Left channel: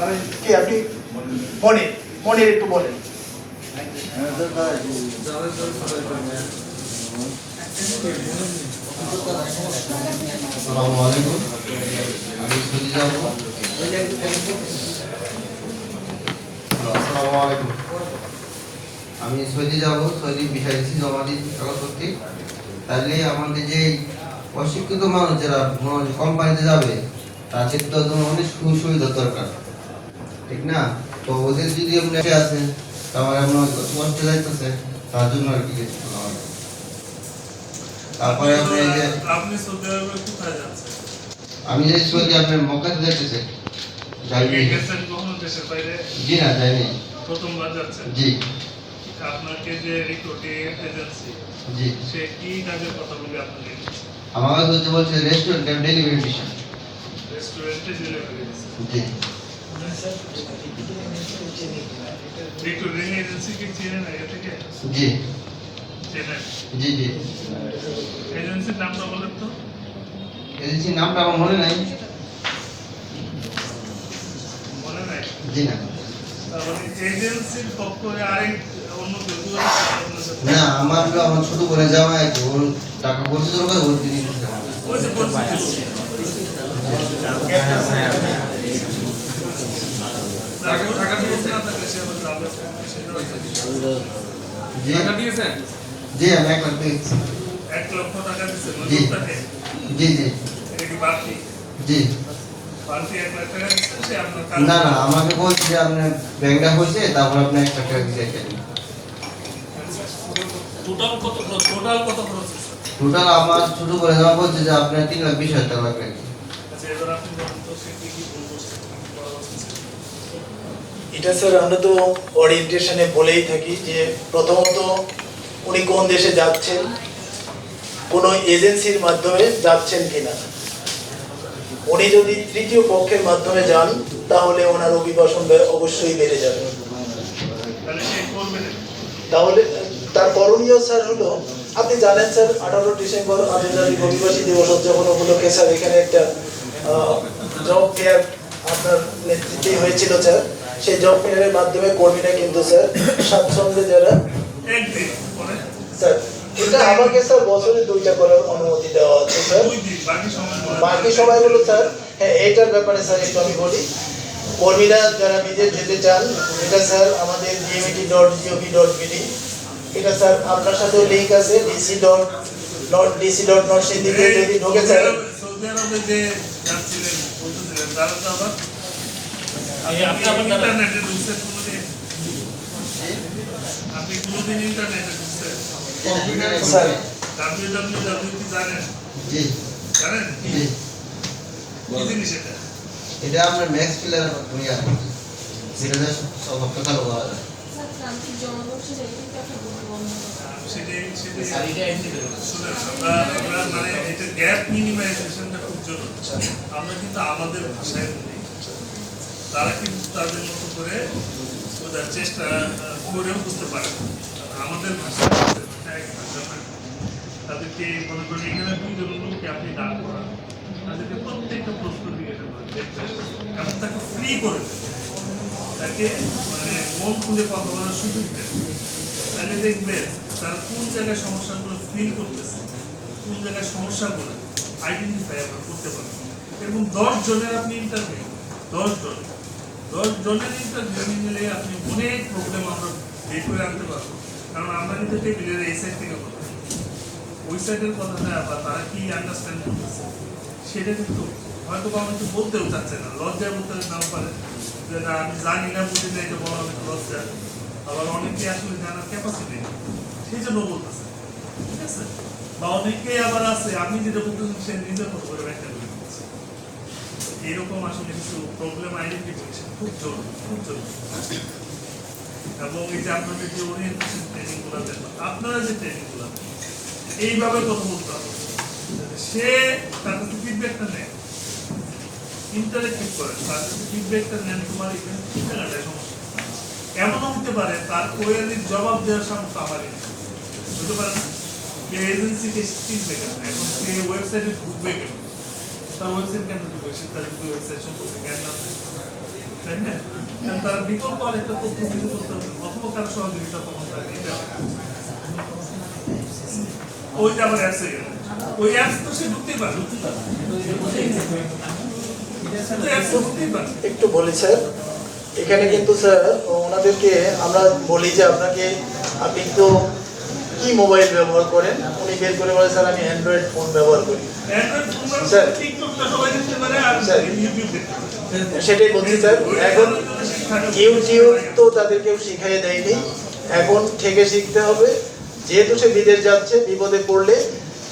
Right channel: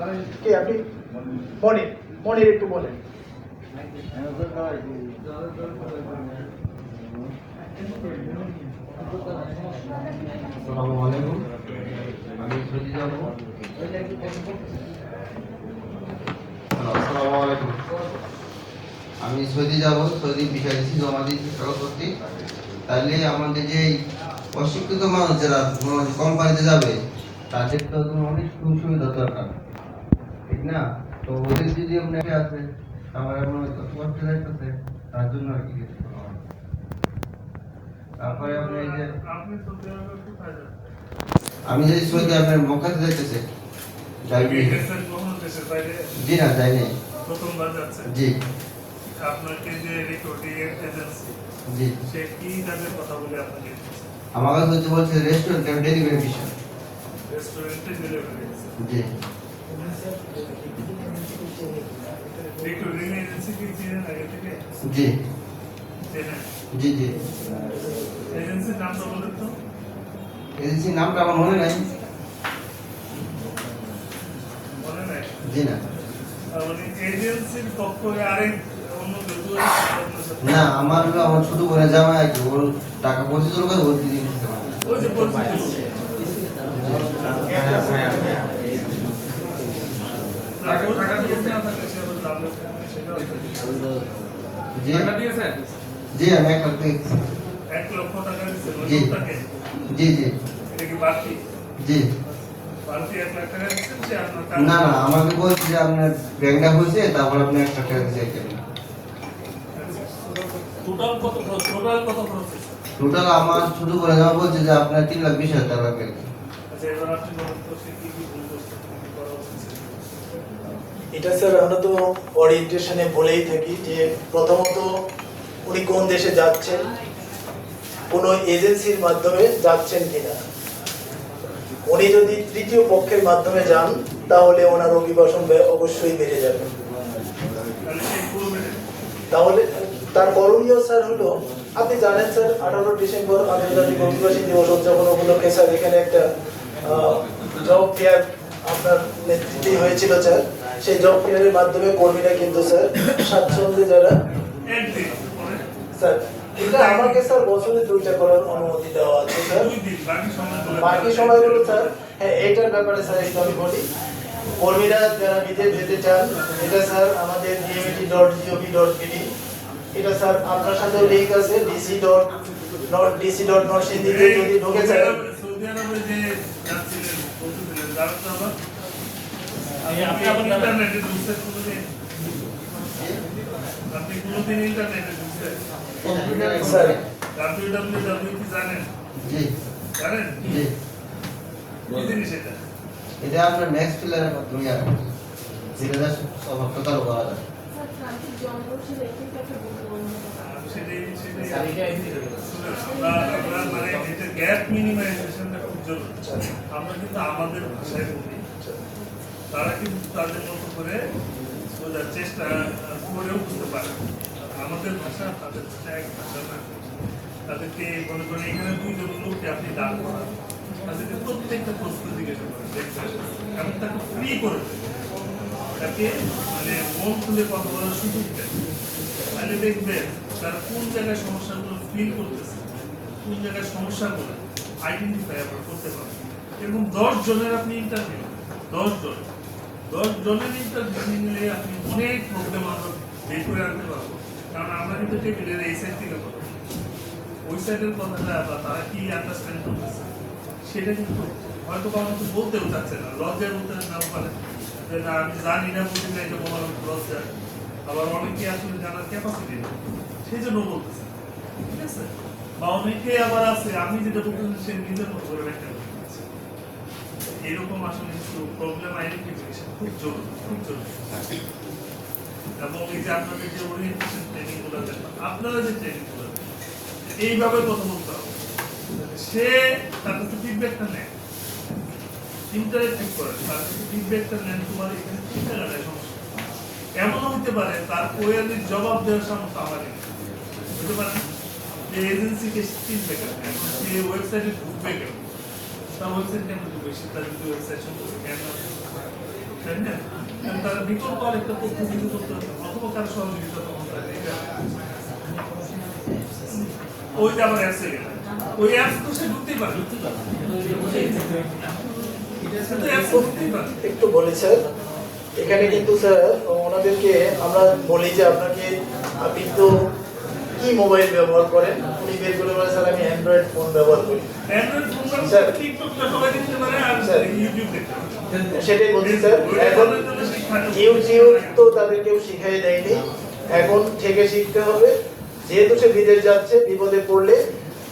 কে আপনি? মনির একটু বলেন। আসসালামু আলাইকুম, আমি সৌদি যাব। আসসালামু আলাইকুম, আমি সৌদি যাব। সৌদি ভিসা দিচ্ছি, জমা দিচ্ছি কাগজপত্র। তাহলে আমাদের যে অশিক্ষিত মানুষ যারা কোম্পানিতে যাবে তাদের তো অনেক সুবিধা দরকার, ঠিক না? তো ওদের যদি আপনি আছেন তাহলে আপনার কষ্ট যাইতেছে, তার জন্য আর কি। তারপরে আপনি যে সৌদি আরবে কোথায় যাচ্ছেন? আমি যে সৌদি আপনার মক্কাতে যাইতেছে। দেশের বাইরে? জি না, যাইনি। প্রথমবার যাচ্ছেন? জি। আপনাকে যে রিক্রুটিং এজেন্সি, জি, সে কি কাজের কথা বলে আপনাকে? আমার কাছে হচ্ছে বলছে রেস্টুরেন্ট ডেলিভারি মিশন। রেস্টুরেন্টে ডেলিভারি? জি। রিক্রুটিং এজেন্সি কি চেনেন আগে থেকে? জি। চেনেন? জি জি। এজেন্সির নামটা বলেন তো। এজেন্সির নামটা আমার মনে নাই। মনে নাই? জি না। তাহলে এজেন্সির পক্ষ আরেক অন্য কেউ না, আমার ছোট করে যাওয়া আর কি, ওর টাকা পয়সা দরকার, ওর দিদি ওই যে পরিচিত টাকা দিয়েছে না থাকলে সে তো যাবে সেটা হচ্ছে। জি। টাকা দিয়েছেন? জি, আমি 1 লাখ দিয়েছি। 1 লক্ষ টাকা দিয়েছেন জি। লোকটাকে? জি জি। এটা কি বাড়তি? জি। বাড়তি 1 লাখ টাকা দিয়েছেন, সে আপনার কাজ? না না, আমাকে বলছি যে আপনার ব্যাংকটা হয়েছে, তারপর আপনি 1 লাখ টাকা দিয়েছেন। টোটাল কত খরচ? টোটাল কত খরচ হয়েছে? টোটাল আমার ছোট করে যাওয়া বলছে যে আপনার 3,20,000 টাকা লাগবে। আচ্ছা, এবার আপনি বলুন তো সে কি কি ভুল করছে, কি কি করা উচিত ছিল? এটা স্যার আমরা তো ওরিয়েন্টেশনে বলেই থাকি যে প্রথমত উনি কোন দেশে যাচ্ছেন, কোন এজেন্সির মাধ্যমে যাচ্ছেন কিনা। উনি যদি তৃতীয় পক্ষের মাধ্যমে যান তাহলে ওনার অভিবাসন অবশ্যই বেড়ে যাবে। তাহলে সে করবে না? তাহলে তার করণীয় স্যার হলো, আপনি জানেন স্যার 18 ডিসেম্বর আন্তর্জাতিক অভিবাসী দিবস উদযাপন উপলক্ষে স্যার এখানে একটা জব ফেয়ার আপনার নেতৃত্বে হয়েছিল স্যার। সেই জব ফেয়ারের মাধ্যমে কর্মীরা কিন্তু স্যার স্বাচ্ছন্দ্যে যারা স্যার, এটা আমাকে স্যার বছরে 2টা করার অনুমতি দেওয়া আছে স্যার। বাকি সময়গুলো স্যার, হ্যাঁ এইটার ব্যাপারে স্যার একটু আমি বলি। কর্মীরা যারা বিদেশ যেতে চান, এটা স্যার আমাদের gmet.gov.bd, এটা স্যার আপনার সাথেও লিংক আছে, dc.not সেই দিকে যদি ঢোকে স্যার। সৌদি আরবে যে যাচ্ছিলেন বলতেছিলেন, তারা তো আবার ইন্টারনেটে ঢুকছেন কোনোদিন? আপনি কোনোদিন ইন্টারনেটে ঢুকছেন? স্যার www কি জানেন? জি। জানেন জি। কি জিনিস এটা? এটা আপনার ম্যাক্স প্লেয়ারের মাধ্যমে ইয়া হয়, যেটা সব আপনার বলা যায়। সেটাই শুনেন, আমরা মানে এটা গ্যাপ মিনিমাইজেশনটা খুব জরুরি। আমরা কিন্তু আমাদের ভাষায় বলি, তারা কিন্তু তাদের মতো করে বোঝার চেষ্টা করেও বুঝতে পারে। আমাদের ভাষা এক ভাষা না, তাদেরকে মনে করেন এখানে 2 জন লোককে আপনি দাঁড় করান, তাদেরকে প্রত্যেকটা প্রশ্ন জিজ্ঞাসা করেন এবং তাকে ফ্রি করে দেন, তাকে মানে মন খুলে কথা বলার সুযোগ দেন। তাহলে দেখবেন তারা কোন জায়গায় সমস্যাগুলো ফিল করতেছে, কোন জায়গায় সমস্যাগুলো আইডেন্টিফাই আমরা করতে পারবো। এবং 10 জনের আপনি ইন্টারভিউ, 10 জনের ইন্টারভিউ নিলে আপনি অনেক প্রবলেম আমরা বের করে আনতে পারবো। কারণ আমরা কিন্তু টেবিলের এই সাইড থেকে কথা, ওই সাইডের কথাটা বা তারা কি আন্ডারস্ট্যান্ড করতেছে সেটা কিন্তু হয়তো কারণ বলতেও চাচ্ছে না, লজ্জায় বলতে নাও পারে যে না আমি জানি না, বলতে না, এটা বলা হবে লজ্জা। আবার অনেকে আসলে জানার ক্যাপাসিটি নেই, সেই জন্য বলতেছে, ঠিক আছে? বা অনেকে আবার আছে আপনি যেটা বলতেছেন সে নিজের মতো করে ব্যাখ্যা করে দিচ্ছে। এইরকম আসলে কিছু প্রবলেম আইডেন্টিফিকেশন খুব জরুরি। এবং এই যে আপনাদের যে ওরিয়েন্টেশন ট্রেনিং গুলো দেন, আপনারা যে ট্রেনিং গুলো দেন, এইভাবে কথা বলতে হবে। সে তার কাছে ফিডব্যাকটা নেয়, ইন্টারেক্টিভ করে, তার কাছে ফিডব্যাকটা নেন, তোমার এখানে কি সমস্যা। এমনও হতে পারে তার কোয়েরির জবাব দেওয়ার সামর্থ্য আমার নেই, বুঝতে পারেন? এজেন্সিকে ফিডব্যাক আছে, এখন সে ওয়েবসাইটে ঢুকবে কেন, তার ওয়েবসাইট কেন ঢুকবে, সে তার ওয়েবসাইট সম্পর্কে জ্ঞান আছে। তাই না? তার বিকল্প আরেকটা তথ্য কিন্তু করতে হবে, অথবা কারো সহযোগিতা তখন লাগে। ওইটা আবার অ্যাপসে গেলে ওই অ্যাপস তো সে ঢুকতেই পারে, একটু বলি স্যার, এখানে কিন্তু স্যার ওনাদেরকে আমরা বলি যে আপনাকে আপনি তো কি মোবাইল ব্যবহার করেন, উনি বের করে বলে স্যার আমি অ্যান্ড্রয়েড ফোন ব্যবহার করি। স্যার সেটাই বলছি স্যার। এখন ইউটিউব তো তাদের কেউ শিখাই দেয়নি, এখন থেকে শিখতে হবে। যেহেতু সে বিদেশ যাচ্ছে, বিপদে পড়লে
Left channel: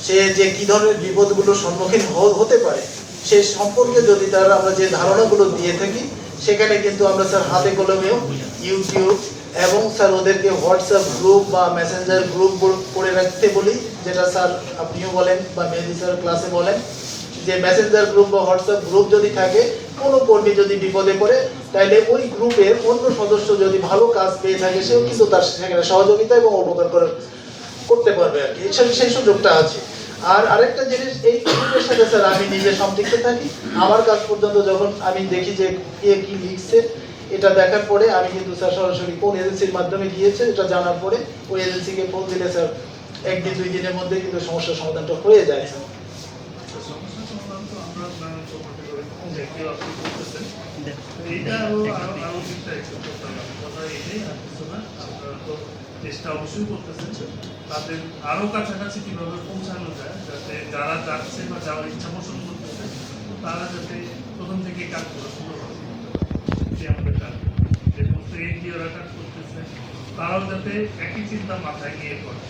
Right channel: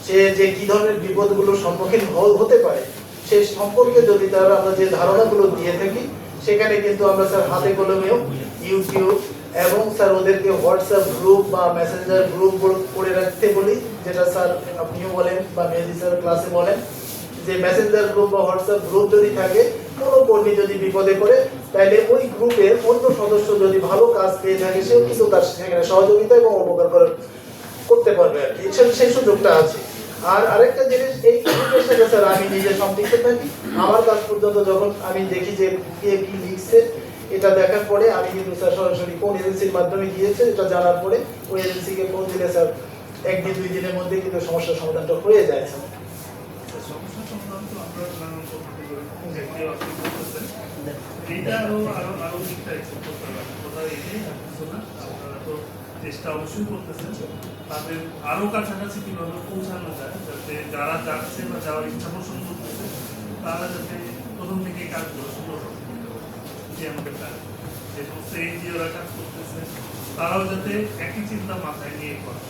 সে যে কি ধরনের বিপদগুলোর সম্মুখীন হতে পারে সে সম্পর্কে যদি তারা আমরা যে ধারণাগুলো দিয়ে থাকি, সেখানে কিন্তু আমরা স্যার হাতে কলমেও ইউটিউব এবং স্যার ওদেরকে হোয়াটসঅ্যাপ গ্রুপ বা মেসেঞ্জার গ্রুপ করে রাখতে বলি, যেটা স্যার আপনিও বলেন বা মেহেদি স্যার ক্লাসে বলেন যে মেসেঞ্জার গ্রুপ বা হোয়াটসঅ্যাপ গ্রুপ যদি থাকে, কোনো কর্মী যদি বিপদে পড়ে তাহলে ওই গ্রুপের অন্য সদস্য যদি ভালো কাজ পেয়ে থাকে সেও কিন্তু তার সেখানে সহযোগিতা এবং উপকার করতে পারবে আর কি, সেই সুযোগটা আছে। আর আরেকটা জিনিস, এই গ্রুপের সাথে স্যার আমি নিজে সম্পৃক্ত থাকি। আমার কাজ পর্যন্ত যখন আমি দেখি যে কে কি লিখছে, এটা দেখার পরে আমি কিন্তু স্যার সরাসরি কোন এজেন্সির মাধ্যমে গিয়েছে এটা জানার পরে ওই এজেন্সিকে ফোন দিলে স্যার 1-2 দিনের মধ্যে কিন্তু সমস্যার সমাধানটা হয়ে যায় স্যার। চেষ্টা অবশ্যই করতেছেন তাদের আরো কাছাকাছি কিভাবে পৌঁছানো যায়, যাতে যারা যাচ্ছে বা যাওয়ার ইচ্ছা পোষণ করতেছে তারা যাতে প্রথম থেকে কাজগুলো শুরু করতে আমাদের কাজ, যে সমস্ত এনজিওরা কাজ করতেছে তারাও যাতে একই চিন্তা মাথায় নিয়ে করে,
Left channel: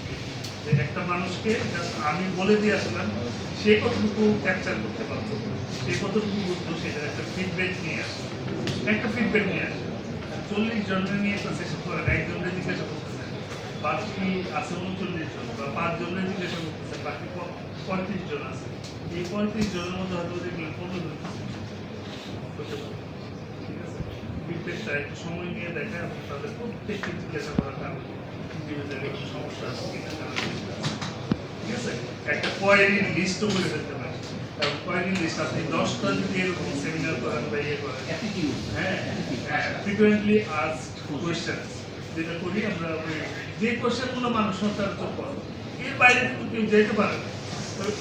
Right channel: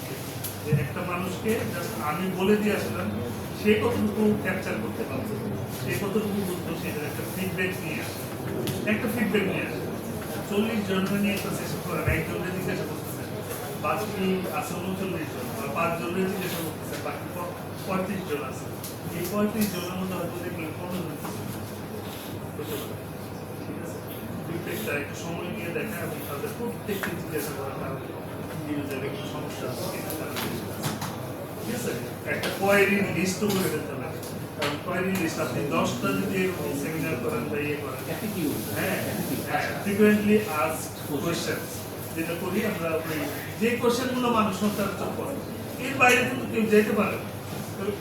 যে একটা মানুষকে জাস্ট আমি বলে দিয়ে আসলাম সে কতটুকু ক্যাপচার করতে পারবে, সে কতটুকু বুঝতো, সেটা একটা ফিডব্যাক নিয়ে আসে, একটা ফিডব্যাক নিয়ে আসে। 40 জনের নিয়ে একটা সেশন করেন, একজনের জিজ্ঞাসা করতেছেন, বাকি আছে 39 জন বা 5 জনের জিজ্ঞাসা করতেছেন, বাকি 35 জন আছে। এই 35 জনের মধ্যে হয়তো দেখলেন 15 জন ফিডব্যাকটা একটা সময় নিয়ে দেখা এবং তাদের প্রত্যেককে জিজ্ঞাসা করা কারণ কোনো সমস্যা আছে কিনা, ঠিক আছে? একটা কোয়ারির লিস্ট করে ফেলতে পারেন। কোয়ারি লিস্ট আপনি 10টা যদি এরকম সেমিনার করেন বা ইয়ে করেন, ফ্রিকুয়েন্টলি আস্কড কোয়েশ্চেনস যেটা করি আমরা, যে কোয়েশ্চেনগুলো মানুষ সচরাচর করে এর বাইরে কিন্তু কেউ যেতে পারে না,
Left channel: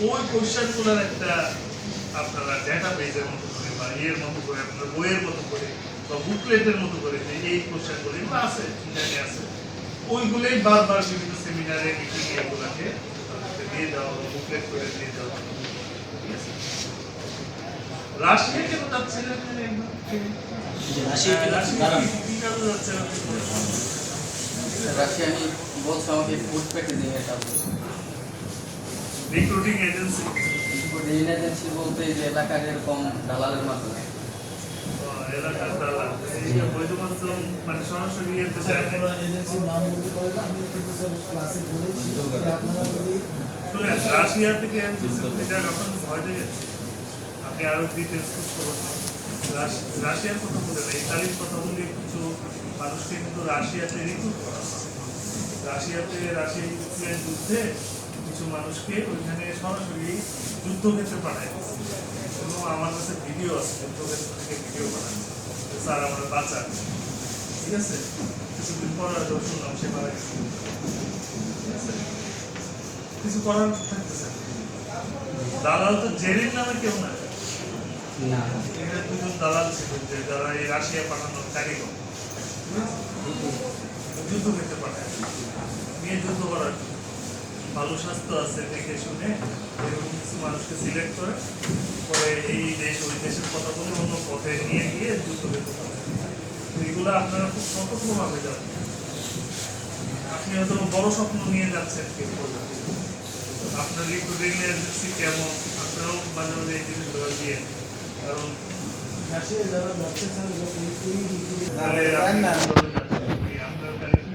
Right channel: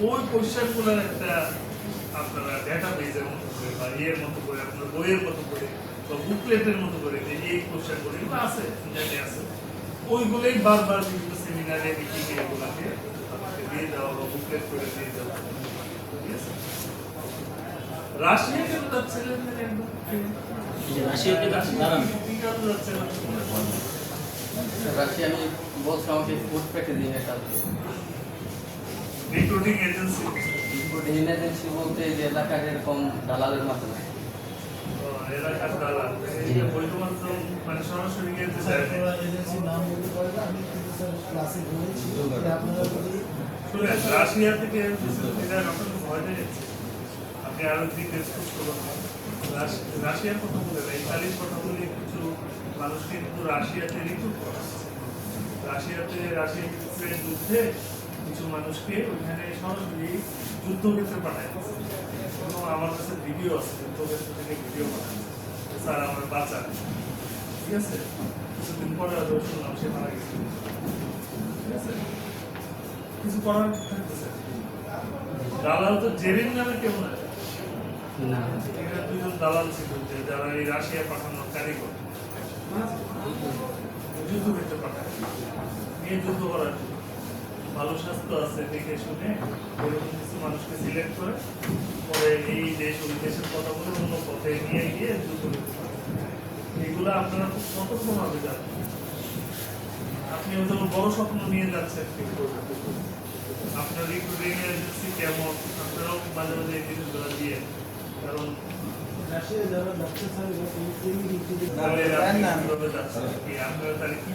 ওই কোয়েশ্চেনগুলোর একটা আপনারা ডেটা বেজের মতো করে বা ইয়ের মতো করে, আপনার বইয়ের মতো করে বা বুকলেটের মতো করে, যে এই কোয়েশ্চেনগুলো এগুলো আছে ইন্টারনেটে আছে, ওইগুলোই বারবার বিভিন্ন সেমিনারে মিটিংয়ে এগুলাকে দিয়ে দেওয়া হলো, বুকলেট করে দিয়ে দেওয়া হলো। রাশিয়া কেন যাচ্ছে না? রিক্রুটিং এজেন্সি বলতে যে এলাকার এরকম দালালের মাধ্যমে এলাকার দালাল শুধুমাত্র মানে সরাসরি এতে যায় না। এজেন্সির নাম বলতে পারেন, আমি কিন্তু স্যার ক্লাসে বলেছি যে আপনারা যদি শুনেন রাশিয়া থেকে আপনার ভয় পেয়ে যাচ্ছে, আপনি আরো ডিটেলস করুন। রাশিয়ার কথা বলে না, ইতালির কথা বলে কিছু মানুষকে কিন্তু রাশিয়াতে রিক্রুট করা, রাশিয়াতে ইউক্রেন যুদ্ধে কিছু মানুষকে ওইখানে সরাসরি যুদ্ধক্ষেত্রে পাঠায় এবং আমার কাছে ভিডিও আছে, যুদ্ধক্ষেত্র থেকে ভিডিও বানানো, স্যার আমরা বাঁচান, ঠিক আছে? কিছুদিন পরে শুনলাম সে মারা গেছে, ঠিক আছে? কিছু করার থাকতেছে। দালাল তো জেরিন নামে কেউ না, এখানে 2 জন দালাল ছিল যারা এই রাশিয়া পাঠানোর কারিগর, যুদ্ধ করতে পাঠায় নিয়ে যুদ্ধ করার জন্য। ভালো স্বাস্থ্য আছে দেখে শুনে এরকম কিছু মানুষকে সিলেক্ট করে পরে এই দেশ ওই দেশের কথা বলে অন্য পথে নিয়ে গিয়ে যুদ্ধ করতে পারে। এগুলো আপনারা খুব সতর্কভাবে যাবেন। আপনি হয়তো বড় স্বপ্ন নিয়ে যাচ্ছেন, আপনার রিক্রুটিং এজেন্সি কেমন, আপনারাও মাঝে মাঝে এই জিনিসগুলো দিয়ে, কারণ যারা যাচ্ছে স্যার তাহলে আপনার তাহলে কি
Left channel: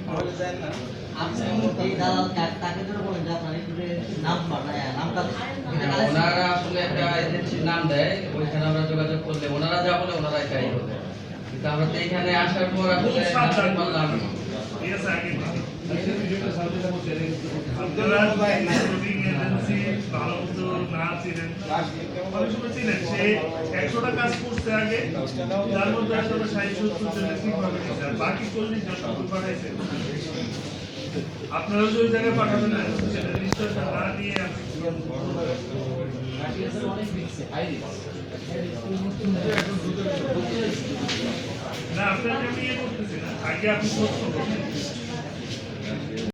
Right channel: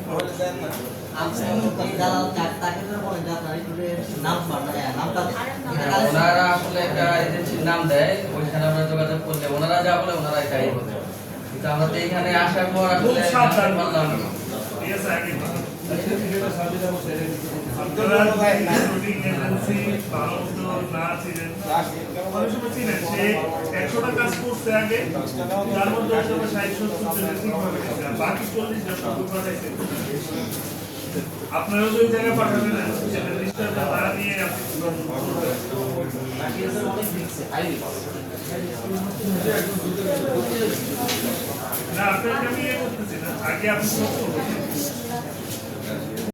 ওনারা আসলে একটা এজেন্সির নাম দেয়, ওইখানে আমরা যোগাযোগ করলে ওনারা যা বলে ওনারা তাই বলে, কিন্তু আমরা তো এখানে আসার পর আসলে খুব সাবধান করলাম, ঠিক আছে? আগে আপনারা রিক্রুটিং এজেন্সি ভালো মতো না ছিলেন, অনেক সময় ছিলেন, সে 100টা কাজ করছে আগে, তার মধ্যে 60-70 জনের ঠিকভাবে গেছে, আর বাকি 40 জন ভুল পাঠাইছে। আপনারা ওই জায়গায় পাঠাবেন রেজিস্টারটা তারা নিয়ে আপনি না আপনাকে আমি ইয়ে করতেছি না, আগে আপনি